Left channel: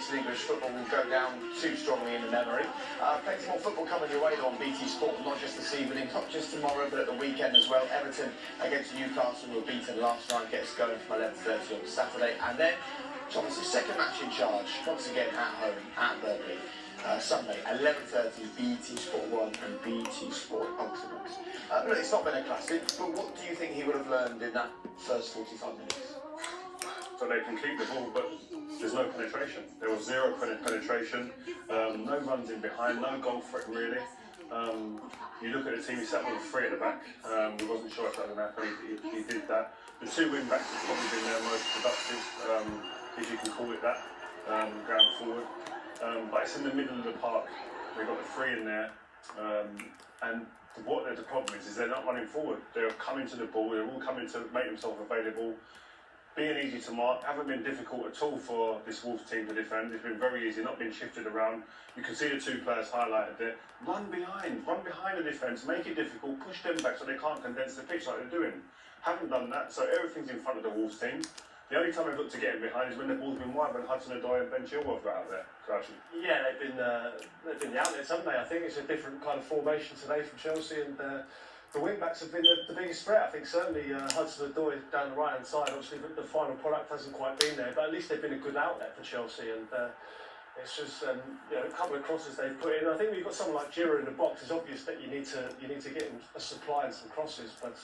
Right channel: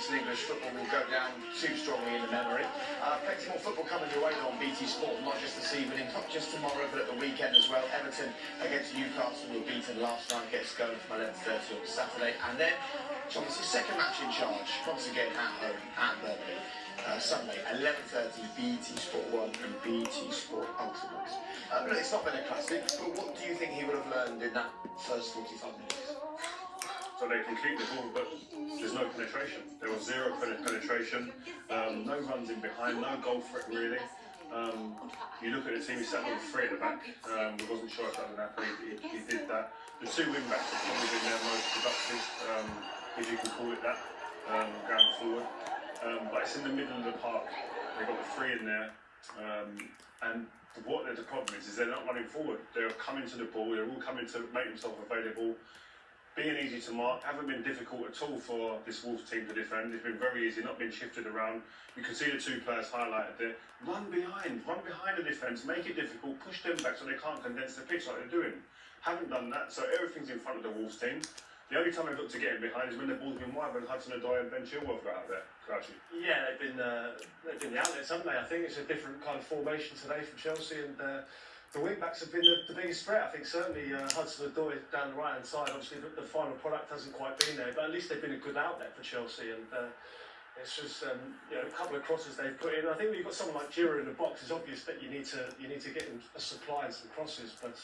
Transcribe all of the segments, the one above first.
minutes in English football will go down too strongly in the memory. Plenty more football coming your way on BT Sport, not just this evening, not just tomorrow, but at the weekend as well. Everton against Newcastle were beaten last night, gets going from 11:30 on Saturday. And then Thomas' second match in charge, once again at home, at Burnley. Sunday, 11:30, BT Sport 1 and BT Sport Ultimate. Look, it's not been a classic, but what do you think he would have learned in that first 45 minutes? So they can keep the ball, but there's no penetration. There was zero penetration, no runs in behind, no goal threat really. You look at the team, he sat on 3 at the back. We wasn't sure if that would happen. He did that. The 2 wing backs have probably been their most productive, if you can call it that, going forward. But it's in the middle of the park. They've got the 3 in there, and what the problem is they're not running forward. They're coming to the ball. They're all coming to make themselves available. Being easy to mark, haven't been difficult at all for this Wolves team to defend. It's been very easy, not been shifted around. You can see the 2 players highlighted there. Run behind the defence, make it difficult, push them back so they can't condense the pitch like they're doing. Haven't done that, so everything's in front of the Wolves team. The only time they've looked to get in behind is when the ball's been wide, when Hudson-Odoi and Ben Chilwell got out there, crouching. Yeah, they've been the outlets, haven't they? I think it's a different kind of formation today from Chelsea, and the wing-backs have been the biggest threat. I think certainly Hudson-Odoi down the right-hand side. Obviously, the final product hasn't quite been there, but at least they've been a good outlet for Chelsea. And it's just a couple of crosses they've put in. I think when you've got someone like Giroud in the box, it's obvious that you need to get a supply and some crosses. But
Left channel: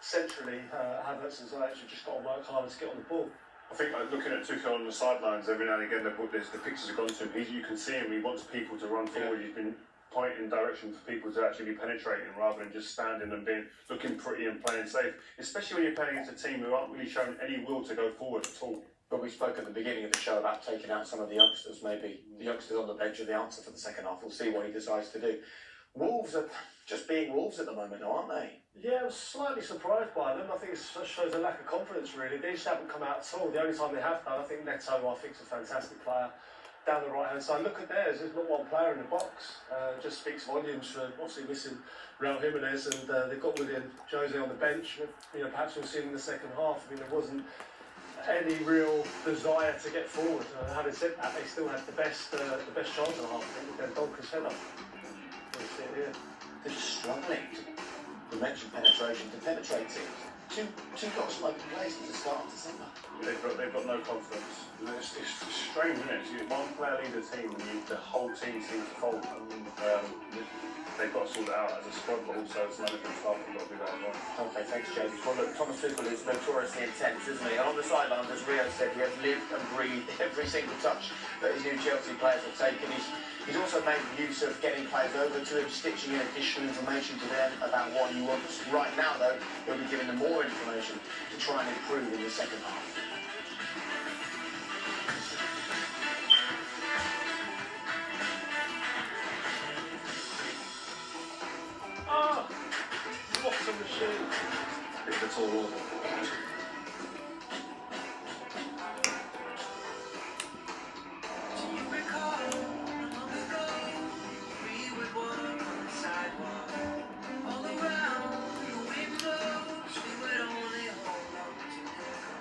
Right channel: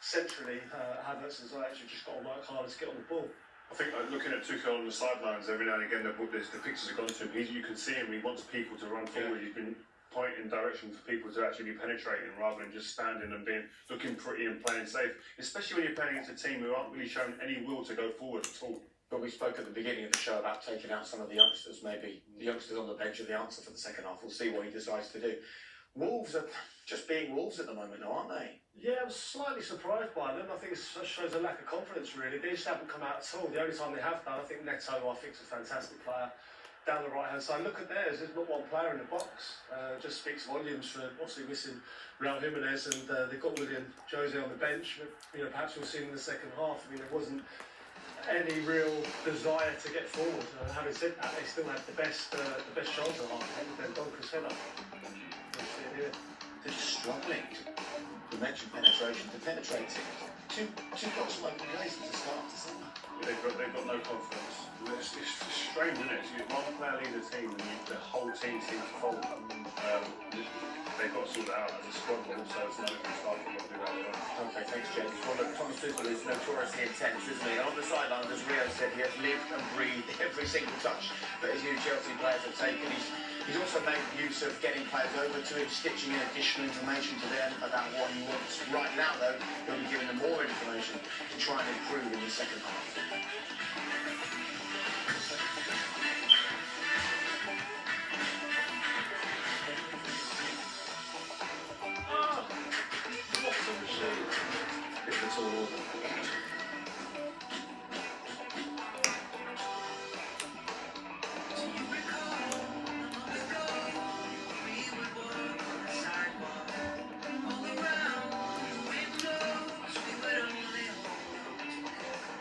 centrally, Havertz and Ziyech have just got to work harder to get on the ball. I think looking at Tuchel on the sidelines, every now and again the pictures have gone to him. You can see him. He wants people to run forward. He's been pointing direction for people to actually be penetrating rather than just standing and looking pretty and playing safe. Especially when you're playing against a team who aren't really showing any will to go forward at all. But we spoke at the beginning of the show about taking out some of the youngsters. Maybe the youngsters on the bench are the answer for the second half. We'll see what he decides to do. Wolves are just being Wolves at the moment, aren't they? Yeah, I was slightly surprised by them. I think it shows a lack of confidence, really. They just haven't come out at all. The only time they have done, I think Neto, I think, is a fantastic player down the right-hand side. Look at theirs. There's not one player in the box. Just speaks volumes for obviously missing Raul Jimenez, and they've got William Jose on the bench. But, perhaps we'll see him in the second half. I mean, there wasn't any real desire to get forward. Having said that, they still had the best chance of the half. With their Donker's header. They're just struggling to mention penetration, to penetrate it. Two got some open places to start, isn't there? They've got no confidence. It's strange, isn't it? You one player leads a team, and the whole team seems to fold. They've got to sort it out as a squad, but also as management staff, they've got to do that as well. Okay, thanks, James. Well, look, Thomas Tuchel is notoriously intense, isn't he? And on the sidelines, as Rio said, he has lived and breathed every single touch that his new Chelsea players have taken. He's also made use of getting players over to him, stitching in additional information to them about what he wants. Right now, though, he'll be giving them more information to try and improve in the second half. What a machine! If at all.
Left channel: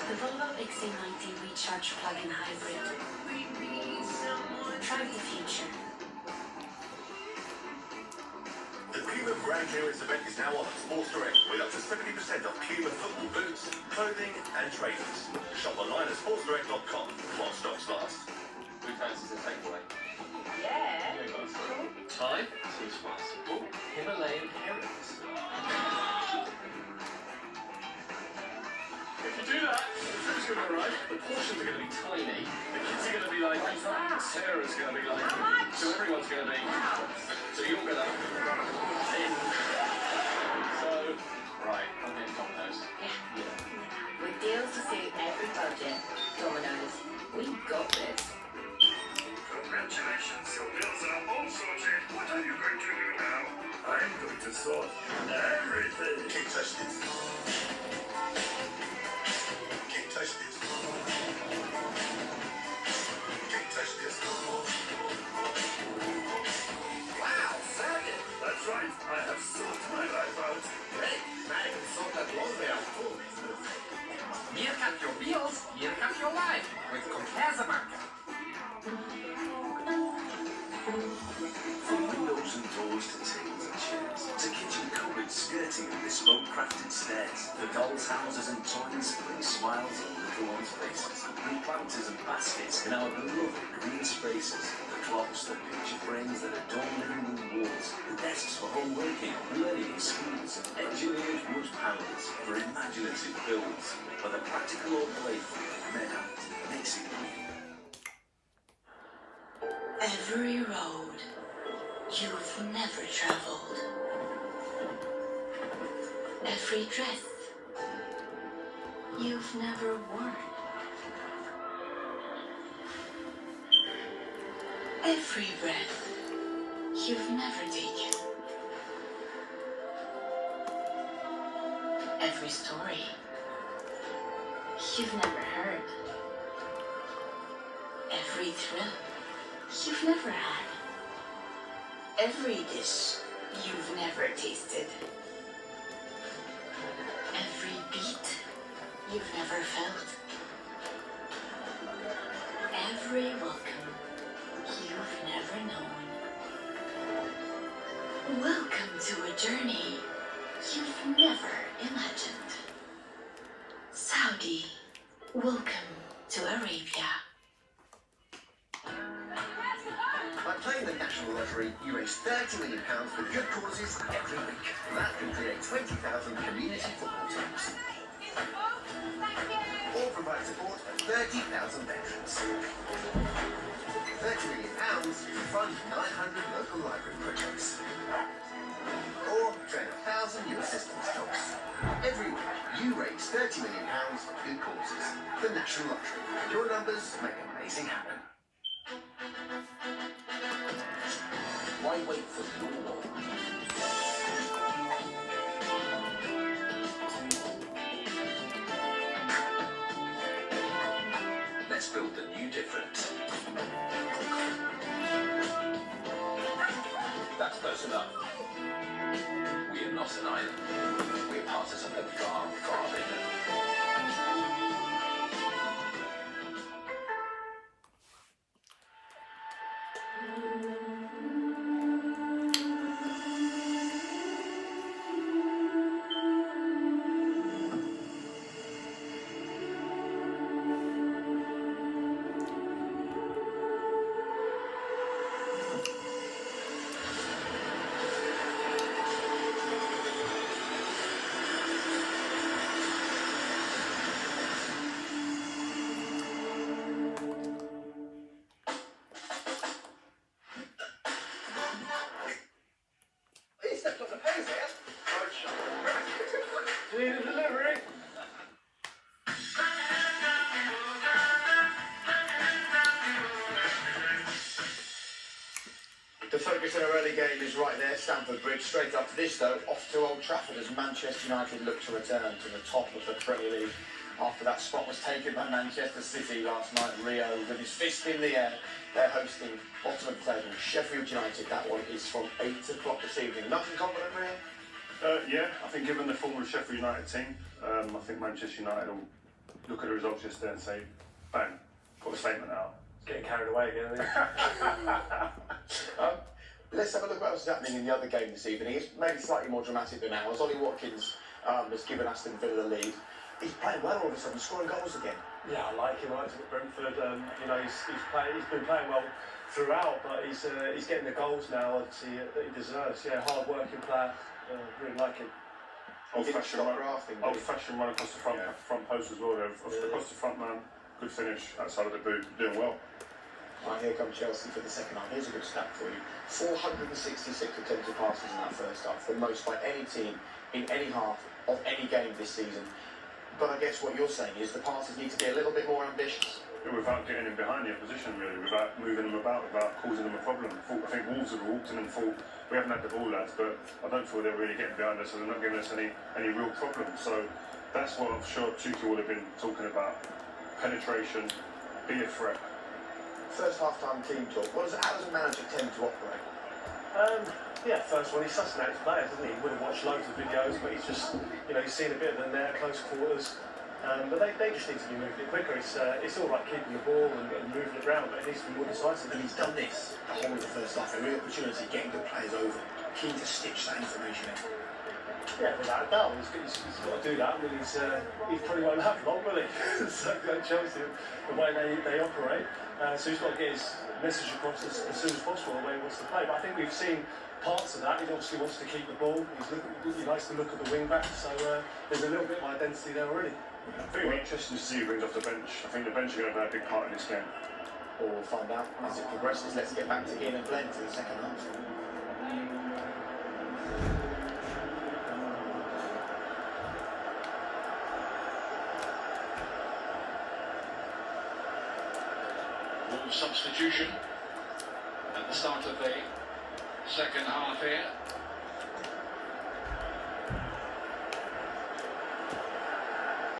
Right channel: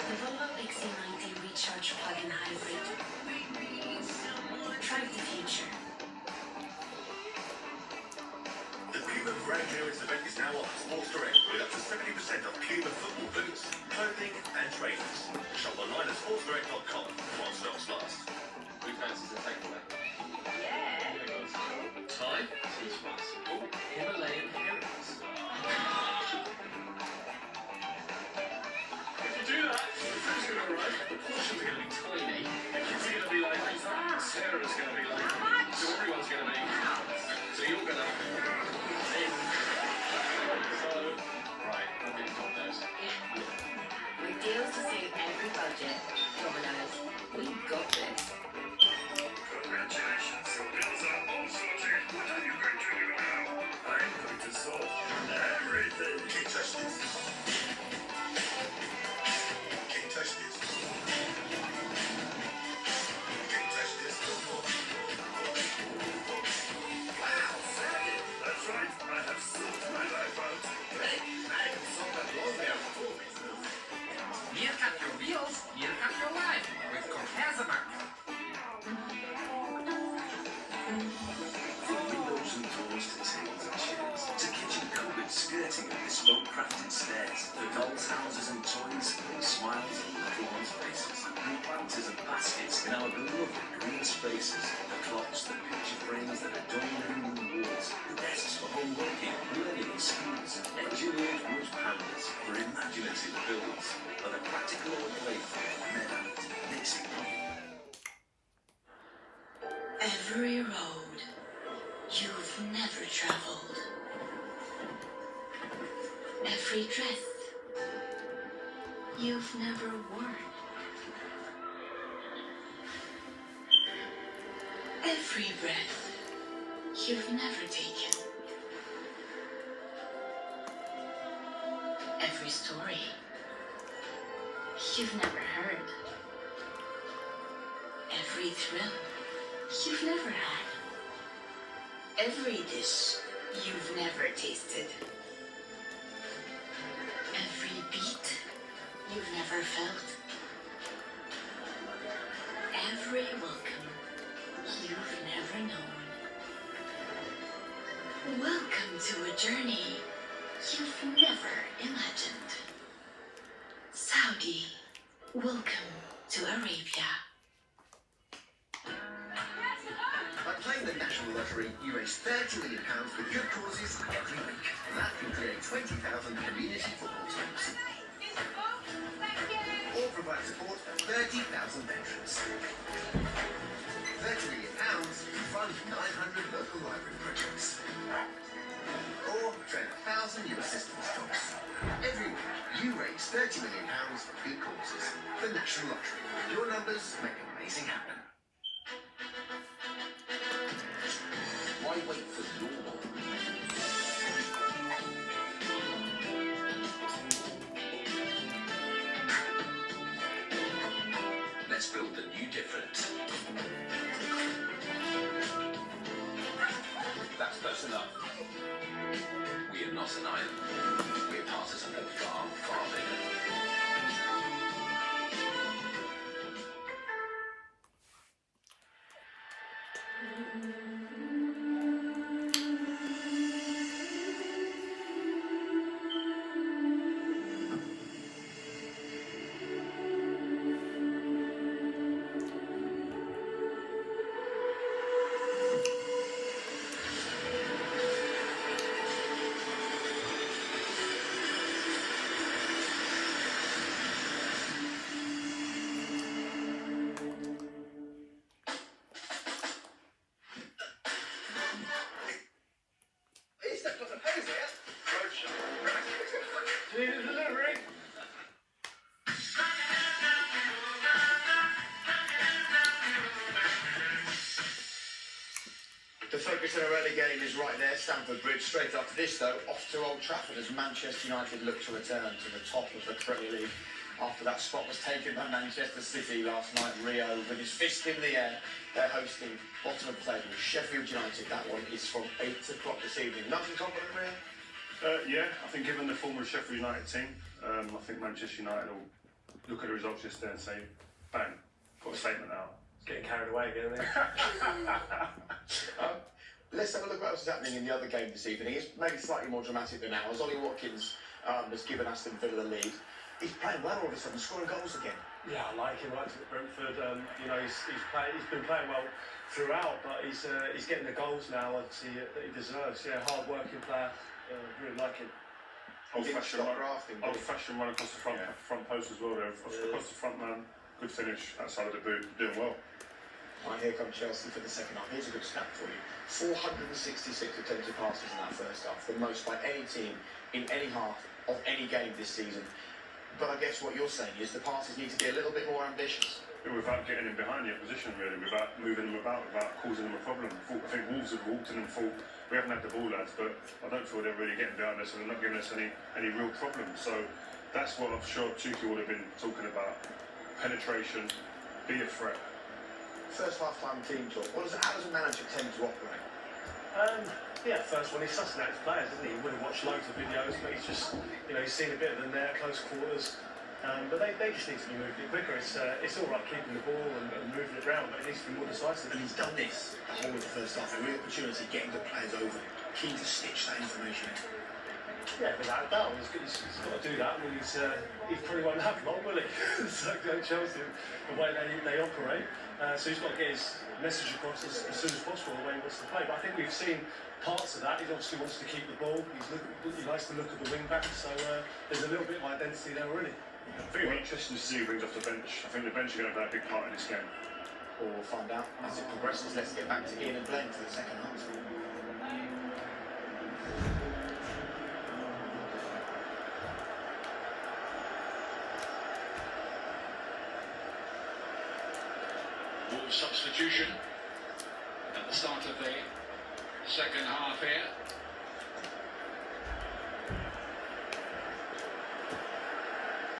The Volvo XC90 Recharge Plug-in Hybrid. Drive the future. The Puma Brand New event is now on Sports Direct with up to 70% off Puma football boots, clothing and trainers. Shop online at sportsdirect.com while stocks last. Who fancies a takeaway? Yeah. Thai, seems possible. Himalayan herrings. If you do that, the food's going to arrive, the portions are going to be tiny, the kids are going to be like, Sarah's going to be like, so everyone's going to be, so you're going to, so, right, I'm getting Domino's. With deals to suit every budget, Domino's, we've got this. Congratulations, your bills are all sorted. What are you going to do now? I'm going to sort everything. Can't touch this. Can't touch this. Can't touch this. Wow, Sergeant. That's right. I have sorted my life out. Hey, I can sort that laundry out for me. Meerkat your bills, meerkat your life, with Comparsa Bank. dolls, houses and toys bring smiles on everyone's faces. And planters and baskets in our beloved green spaces. The clocks, the picture frames that adorn living room walls. The desks for home working, learning in schools. Engineered wood panels for imaginative builds. For the practical or playful, men mixing them. Every road you've never traveled. Every dress you've never worn. Every breath you've never taken. Every story you've never heard. Every thrill you've never had. Every dish you've never tasted. Every beat you've never felt. Every welcome you've never known. Welcome to a journey you've never imagined. Saudi, welcome to Arabia. By playing the National Lottery, you raise £30 million for good causes every week. That can create 20,000 community football teams. Or provide support for 30,000 veterans. £30 million to fund 900 local library projects. Or train 1,000 new assistance jobs. Every week, you raise £30 million for good causes. The National Lottery. Your numbers make amazing happen. Why wait for your one? Let's build the new different. That's close enough. We are not an island. We are part of something far, far bigger. Delivery. The focus in our early game is right there, Stamford Bridge. Straight after this, though, off to Old Trafford as Manchester United look to return to the top of the Premier League after that spot was taken by Manchester City last night. Rio with his fist in the air. They're hosting bottom of the table Sheffield United. That one is from 8 o'clock this evening. Nothing confident, Rio? Yeah, I think given the form of the Sheffield United team, I think Manchester United will look at the results yesterday and say, bang, put a statement out. Getting carried away again. Isn't it? Let's have a look at what's happening in the other game this evening. It's maybe slightly more dramatic than ours. Ollie Watkins has given Aston Villa the lead. He's playing well all of a sudden, scoring goals again. Yeah, I like him. I like him at Brentford. You know, he's been playing well throughout, but he's getting the goals now that he deserves. Yeah, hard-working player. Really like him. Old-fashioned run across the front post as well there. Across the front man, good finish outside of the boot, doing well. Right, here comes Chelsea for the second half. Here's a good stat for you. 466 attempted passes in that first half, the most by any team in any half of any game this season. But I guess what you're saying is the passes need to be a little bit more ambitious. Without getting in behind the opposition, really, without moving them about, without causing them a problem. I think Wolves have walked in and thought, we haven't had the ball, lads, but I don't feel they're really getting behind us and they're not giving us any real problems. So that's what I'm sure Tuchel would have been talking about. Penetration, be a threat. First half-time team talk. How does a manager tend to operate? Yeah, first one, he sustains players, doesn't he? He wouldn't watch loads of videos, but he's just, you know, he's seen a bit of them there, close quarters. But they just need to be moving it quicker. It's all right keeping the ball and moving it around, but it needs to be more decisive. And he's done this the whole of the first half. A real opportunity, getting the players over. Keen to stitch that information in. Yeah, without a doubt, he's got to do that. I mean, he probably won't have long, will he? So Chelsea, the way they operate, so he's got to get his message across as soon as possible the way he wants to play. But I think we've seen parts of that. He obviously wants to keep the ball. He likes to look at the wing back. So there's a little bit of identity there already. I think it'll be interesting to see who brings off the bench. I think the bench are going to play a big part in this game. Or we'll find out as it progresses. Let's get back to Ian and Glenn for the second half. Substitution at the start of the second half here.